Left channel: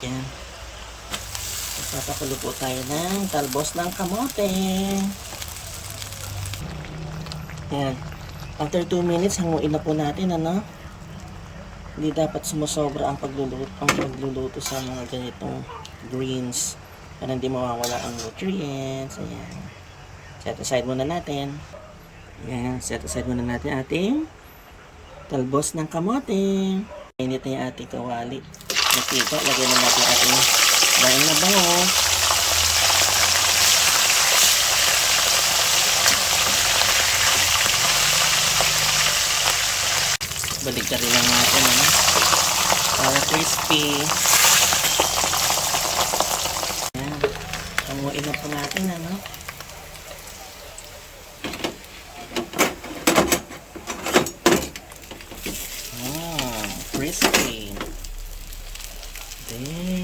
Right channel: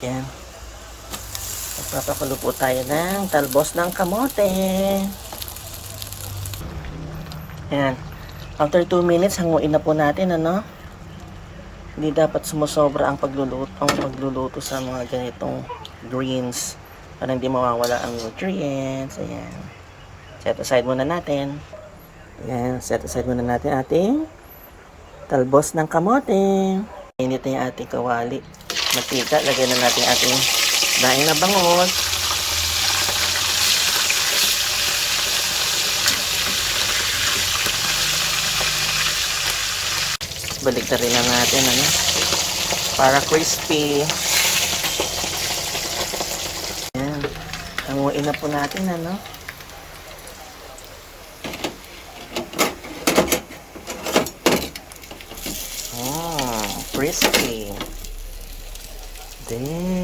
Yan. Magpapakulo po tayo ng talbos ng kamote. Yan. After 2 minutes, hanguin na po natin, ano? Hindi dapat sumusobra ang pagluluto, ang pagluluto sa mga ganitong greens para hindi mawawala ang nutrients. Ayan. Set aside muna natin. Ayan, set aside muna natin ating talbos ng kamote. Init na yung ating kawali. Matika, lagyan na natin ating daing na bangus. Balik na rin lang natin, ano? Para crispy. Ayan. Hanguin na po natin, ano? Oh, crispy. tem.